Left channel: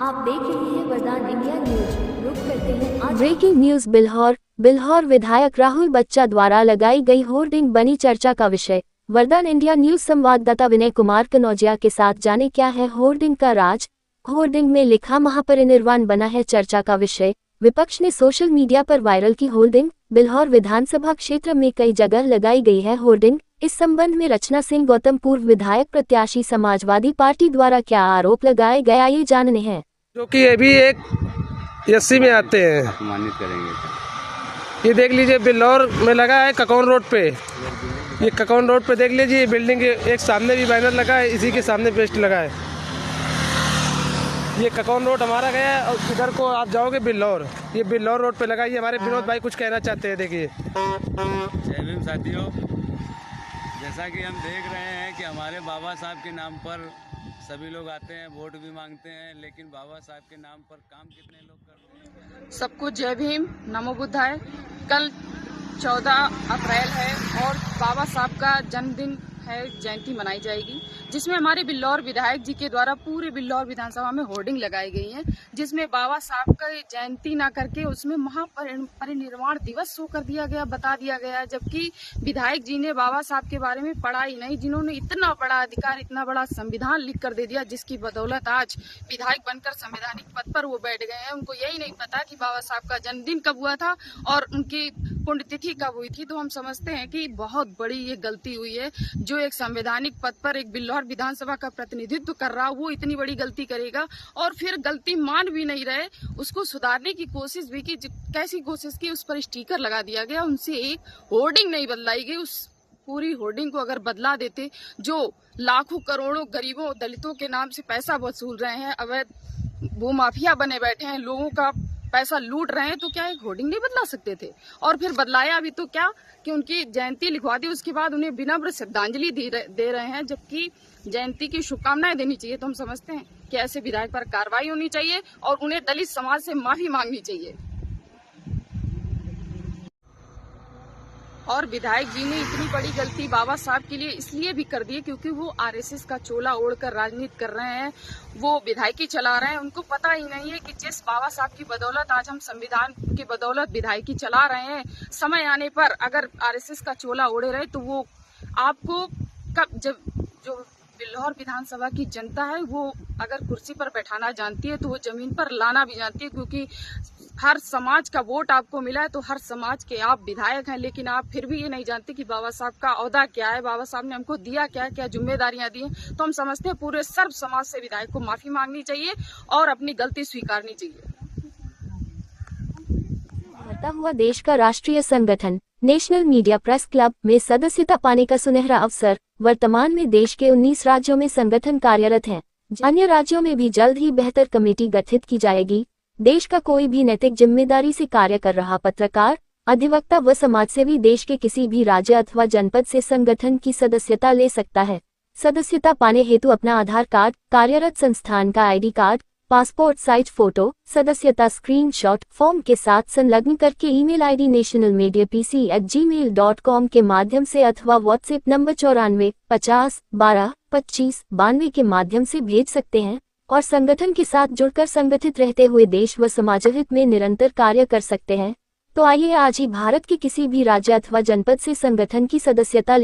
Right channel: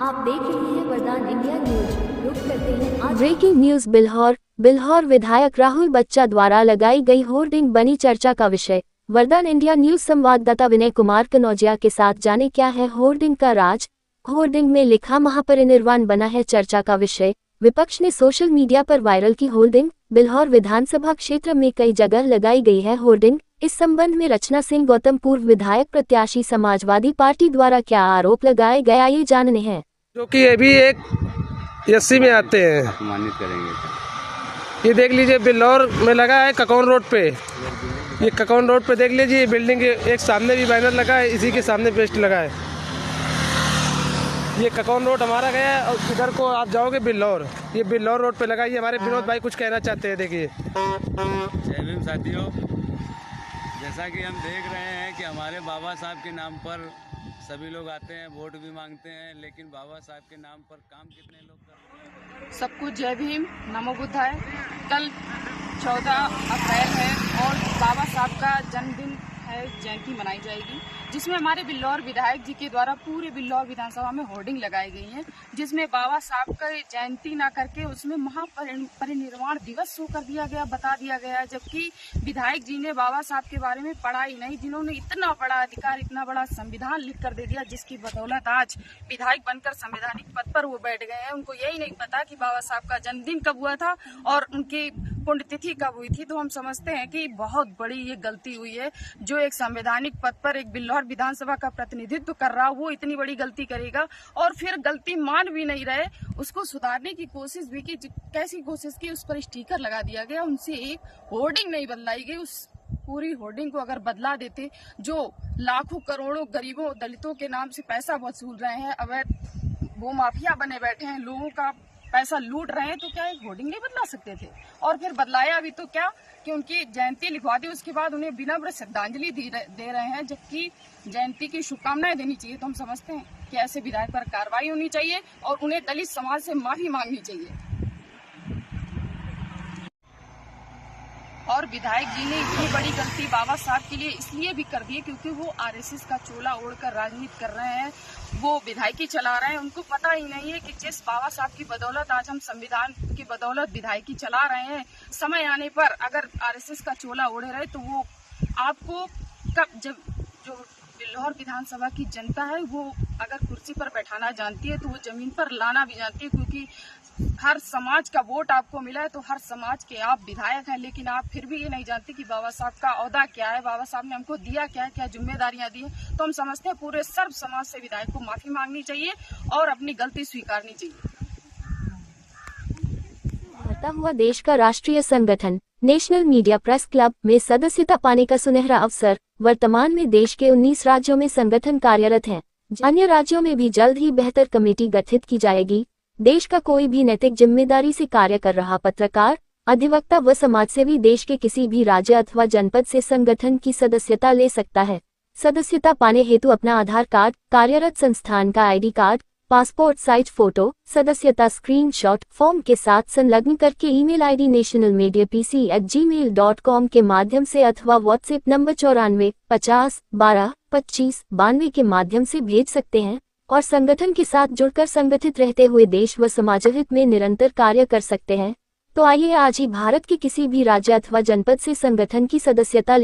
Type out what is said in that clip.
आप देख रहे हैं वरदान इंडिया न्यूज। रुक करते हैं आज ब्रेकिंग न्यूज। बिल्हौर विधायक राहुल बच्चा द्वारा लगाई गई होर्डिंग बनी चर्चा का विषय। वरदान इंडिया न्यूज संवाददाता विनय कुमार कनौजिया के साथ जाने क्या है होर्डिंग का राज। होर्डिंग में लिखा महापरिनिर्वाण बना है चर्चा का विषय। विपक्ष ने सोशल मीडिया पर वायरल की होर्डिंग। बिल्हौर विधानसभा क्षेत्र में कई जगह लगाई गई है होर्डिंग। इस संबंध में रचना सिंह गौतम पूर्व विधायक प्रत्याशी समाजवादी पार्टी द्वारा क्या आरोप लगाए गया ये जानने हैं। जो कि ये भी एक एससी में आते हैं, सम्मानित करेंगे। ये देख लीजिए बिल्हौर में लगा है ककौन रोड पे। ये ककौन रोड पे देख लीजिए, ये बिल्डिंग के एक सामने भी बैनर लगा है, इसी के सामने पेस्ट लगा है। ये ककौन रोड हमारा गया है और इधर को आप जाओगे बिल्हौर, ये बिल्हौर रोड पे लगा है। ये हमारे विनोद भाई कुछ कहना चाहते हैं, देखिए। जय भीम साथियों, जैसा कि हम देख रहे हैं कि हमारे बाबा साहब के नाम पर सभी लोग आते हैं, वोट भी मांगते हैं, लेकिन बाबा साहब के नाम पर काम कितने लोग कर रहे हैं। सबको जय भीम, नमो बुद्धाय। कल 14 अप्रैल है और बाबा साहब का जन्मदिन है, जयंती मनाई जाएगी, जिसमें हमारे बिल्हौर विधायक जी के द्वारा पूरे बिल्हौर विधानसभा में होर्डिंग लगाई गई है, जिसमें बाबा साहब का जयंती ना करके उसमें महापरिनिर्वाण दिवस शो कर दिया गया, बता दिया गया। जबकि विधायक जी ने बाबा साहब के बारे में पढ़ा ही नहीं, जिन्होंने इतना बड़ा अधिकार, इतना बड़ा संविधान लिख कर दे दिया, जिसकी बदौलत आज विधायक बनकर संवैधानिक पद पर वो बैठ गए हैं। उनको यही नहीं पता कि बाबा साहब का जन्मदिन कब हुआ था और उनकी पुण्यतिथि कब हुई थी। तो हम समझते हैं कि बहुत बड़ी ये गलती हुई है। जो एक संवैधानिक पद पर एक बिल्हौर विधानसभा का प्रतिनिधित्व कर रहा, वो इतनी बड़ी गलती करेगा और फिर गलती मान भी नहीं रहे, उसको सुधारने की कोशिश भी की। कैसी कोशिश की? उस पर स्टिकर लगा दिया गया, उनसे एक होर्डिंग नहीं बदलाई गई। उस पूरी होर्डिंग को अगर बदला देते, जो लाखों करोड़ों गरीबों दलितों के नाम से पैसा वसूल रहे हैं, अवैध भूमाफिया बने बैठे हैं, लोगों का पैसा लूट रहे हैं, तो क्या एक होर्डिंग नहीं बदला सकते थे? और फिर बदलाया भी तो क्या कि उनकी जयंती लिखवा दी, उसके बाद उन्हें विनम्र श्रद्धांजलि दे रहे हैं, जबकि जयंती की शुभकामनाएं देनी चाहिए। तो हम समझते हैं कि ऐसे विधायक पर कार्रवाई होनी चाहिए और उन्हें दलित समाज से माफी मांगनी चाहिए। और विधायक जी ने इतनी बड़ी गलती बाबा साहब के लिए इसलिए भी कर दी है क्योंकि वो आरएसएस का चोला ओढ़कर राजनीति कर रहे हैं, वो विधायकी चला रहे हैं। उनको पता ही नहीं है कि जिस बाबा साहब की बदौलत आज हम संविधान की बदौलत विधायकी चला रहे हैं, समय आने पर अगर आरएसएस का चोला ओढ़े रहे तो वो आपको कब, जब जो बिल्हौर विधानसभा की जनता है वो अगर कुर्सी पर बैठाना जानती है तो वो जमीन पर लाना भी जानती है, क्योंकि हर समाज का वोट आपको मिला है, तो हर समाज के आप विधायक हैं, लेकिन आप फिर भी ये नहीं जानते कि बाबा साहब का ओहदा क्या है, बाबा साहब ने हमको दिया क्या है, क्या जिम्मेदारियां दी। तो हम समझते हैं पूरे सर्व समाज से विधायक को माफी मांगनी चाहिए और अपनी गलती स्वीकारनी चाहिए। बढ़ता हुआ देश का राष्ट्रीय संगठन नेशनल मीडिया प्रेस क्लब में सदस्यता पाने का सुनहरा अवसर। वर्तमान में देश के 19 राज्यों में संगठन कार्यरत हैं। अन्य राज्यों में भी जल्द ही बेहतर कमेटी गठित की जाएगी। देश का कोई भी नैतिक जिम्मेदारी से कार्य कर रहा पत्रकार, अधिवक्ता व समाजसेवी देश के किसी भी राज्य अथवा जनपद से संगठन की सदस्यता ले सकता है। सदस्यता पाने हेतु अपना आधार कार्ड, कार्यरत संस्थान का ID card, passport size photo, सदस्यता स्क्रीनशॉट फॉर्म के साथ संलग्न करके ईमेल आईडी nationalmediapc@gmail.com के माध्यम से अथवा व्हाट्सएप नंबर 94 50 12 25 92 के माध्यम से भेज सकते हैं और संगठन के साथ जुड़कर संगठित रहते हुए देश व समाजहित में निरंतर कार्य कर सकते हैं। तो आइए आज ही भारत के किसी भी राज्य अथवा जनपद से संगठन की सदस्यता लें।